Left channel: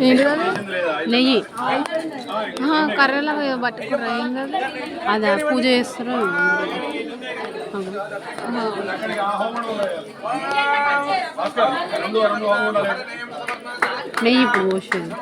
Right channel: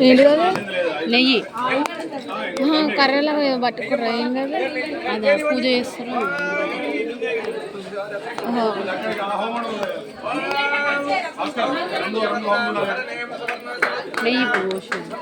ఏంటి కదా నెయ్యి కర్రలాగా పట్టుకుర్రా ఏం కదా అదా పూజ చేస్తారా నెయ్యి పోసింది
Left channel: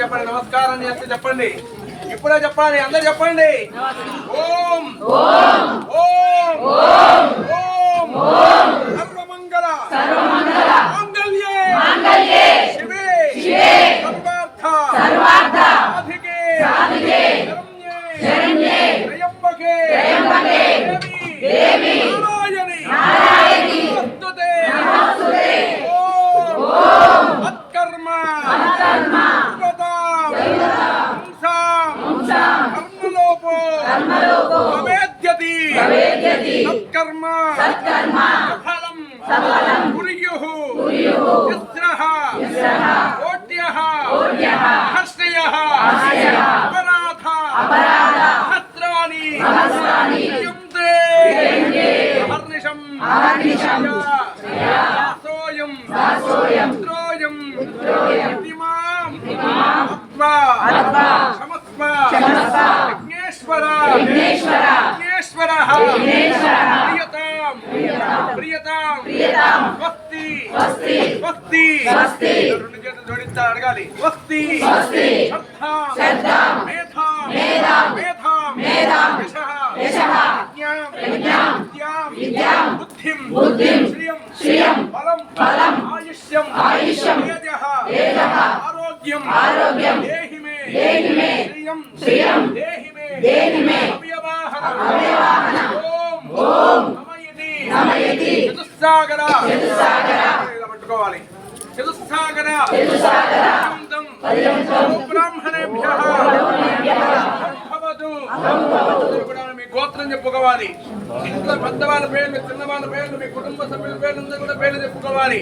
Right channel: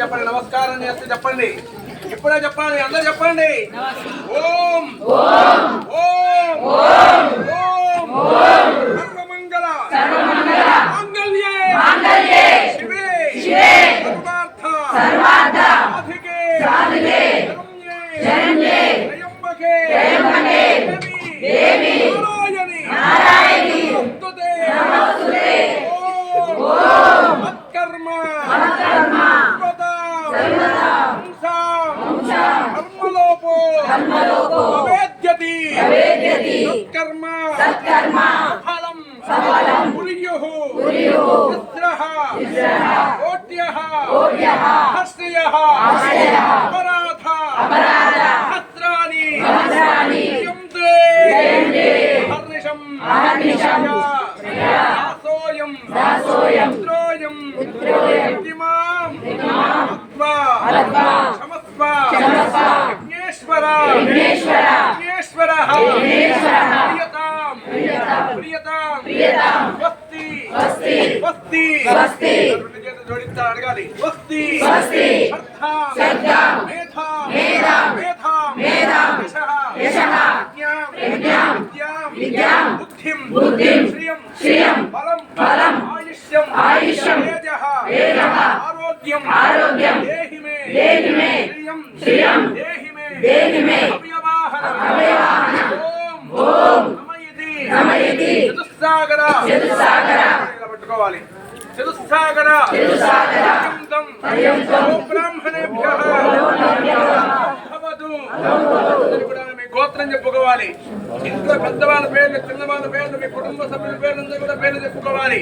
చెప్పండి నమస్కారం చేస్తే చెప్పండి ఇప్పుడే చెప్పాలి అందరూ చెప్పండి ఓం ఓం ఓం ఓం ఓం సర్వమంగళ సర్వమంగళ మాంగళ్యే మాంగళ్యే శివే శివే సర్వార్థ సాధికే సాధికే శరణ్యే త్రయంబకే త్రయంబకే దేవి నారాయణి నారాయణి నమస్తుతే ఓం మత్కర్మ మత్కర్మ సత్కర్మ ఫలం సఫలం కుర్యుః ఇస్రః కోట్యః హస్యః అపరాధ హస్రాణి యుంద్రే అహర్నిశం దాసోయం పుత్రోయం ఇమాం క్షమస్వ విఘ్నేశ్వర ప్రియతాం స్వస్తి జోడిస్తా అడగాలి స్వస్తి శ్రద్ధాం మేధాం యశః విద్యాం బుద్ధిం శ్రియం బలం ఆయుష్యం తేజః ఆరోగ్యం దేహి మే శ్రియం దేహి మే అవ్యవాహన ఓం నమయతి చతుస్సాగర ఇలా పట్టుకోవాలి చతుస్సాగర పర్యంతం బ్రాహ్మణేభ్యః భవతు కూడా మీ గోత్రం చెప్పుకోవాలి ఇంట్లో పెద్దవాళ్ళ పేర్లు చిన్నవాళ్ళ పేర్లు మీ కుటుంబ సభ్యుల పేర్లు కూడా పేర్లు చెప్పుకోవాలి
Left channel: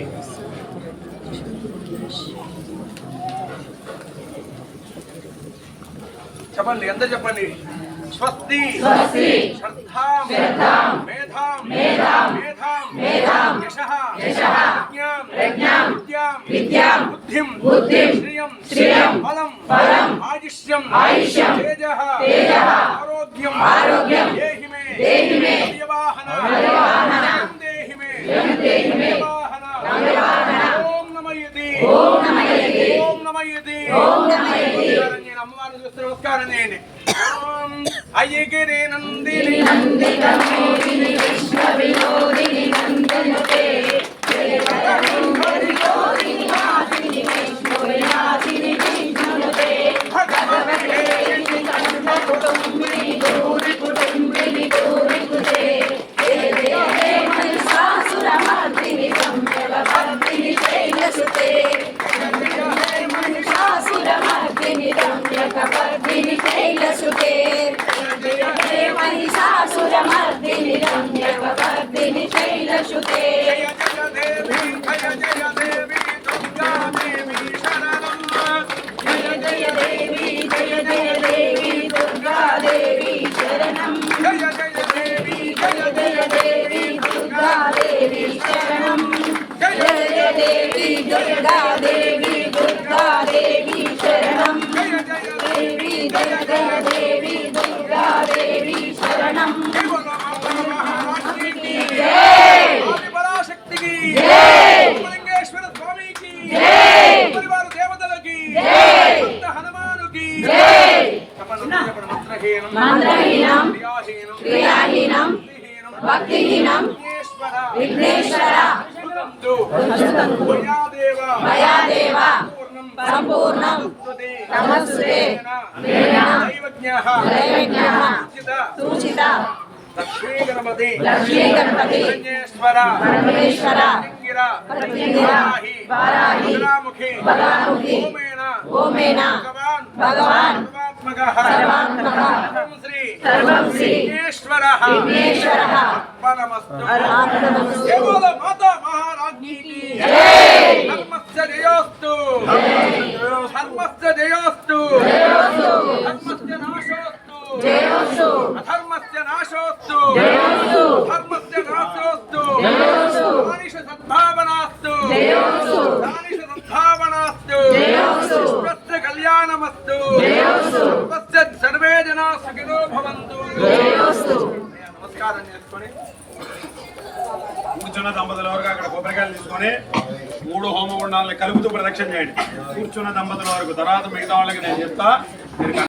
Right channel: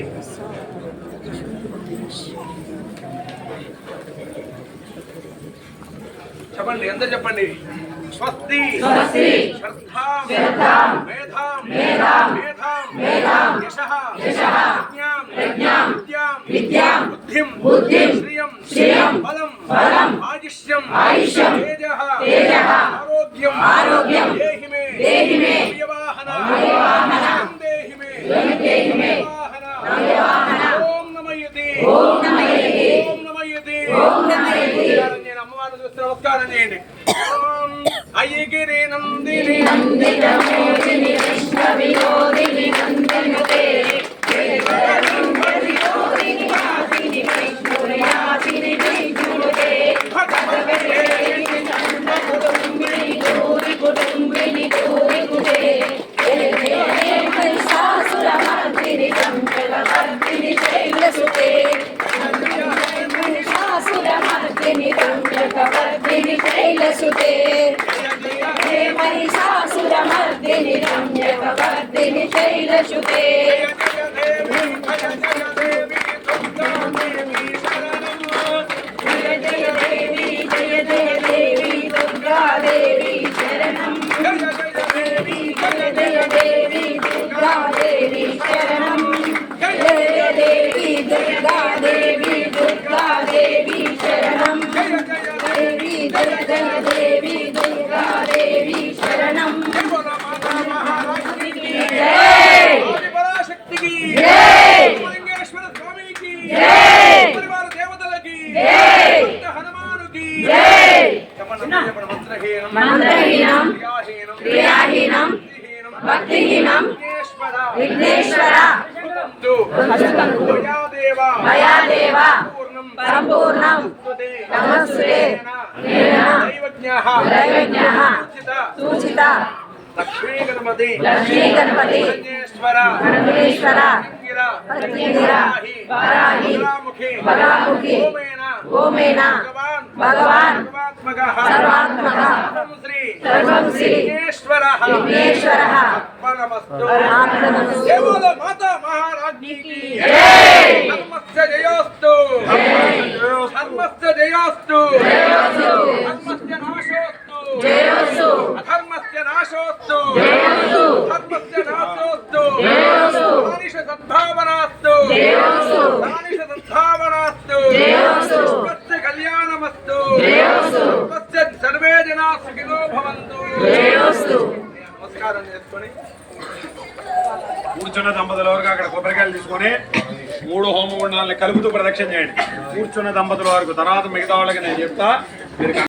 చెప్పండి ఎంత చెప్పండి స్వస్తి శ్రద్ధాం మేధాం యశః విద్యాం బుద్ధిం శ్రియం బలం ఆయుష్యం తేజః ఆరోగ్యం దేహి మే అవ్యవాహన దేహి మే ఓం నమయతి అమ్మవారు చూస్తే నమస్కారం చేయండి అయ్యగిరి నందిని నందితమోదిని విశ్వ వినోదిని నందనుతే వినోదిని మాదిని వైష్ణవయాదిని విష్ణునుతే భగవతే रम्यकवर्धिनि शैलसुते जय महिषासुरमर्दिनि रम्यकवर्धिनि शैलसुते जय जय देवी दुर्गा देवी शरणं जय जय देवी दुर्गा देवी शरणं जय देवी दुर्गा देवी दुर्गा देवी शरणं देवी दुर्गा देवी दुर्गा देवी शरणं जय पराशक्ति की जय लिंगेश्वर स्वामी की जय परिवार देवतल की जय हनुमान की जय मंत्रहीनं मंत्रहीनं क्रियाहीनं भक्तिहीनं विघ्नेश्वर मया देव संपूर्णं नमस्ते दैवज्ञः सूचित लक्ष्मी गणपति परमेश्वर पतिंगिरा वराही बलामुखी ओमेन भगवान सर्वात्मक सर्वं श्री विघ्नेश्वरः अर्पणमस्तु बोलो माता महारानी की जय धर्मस्य जयोस्तु धर्मस्य जयोस्तु धर्मस्य नाशोस्तु जयोस्तु अधर्मस्य नाशोस्तु जयोस्तु धर्मस्य नाशोस्तु जयोस्तु दानिश सद्भावनास्तु जयोस्तु दानिश सद्भावनास्तु जयोस्तु स्वस्य कल्याणमस्तु जयोस्तु स्वस्य सर्वे जनाः सुखिनो भवन्तु जयोस्तु నమస్కారం చేసుకొని కూర్చున్న దంపతుల వరకు అక్కడ కొబ్బరికాయలు తీసుకొని 3 హోమగుండాలని కలుపుతూ ప్రదక్షిణ చేయండి. కూర్చున్న దంపతుల వరకు తర్వాత మిగతా వాళ్ళకి నేను చెప్తా. మీరు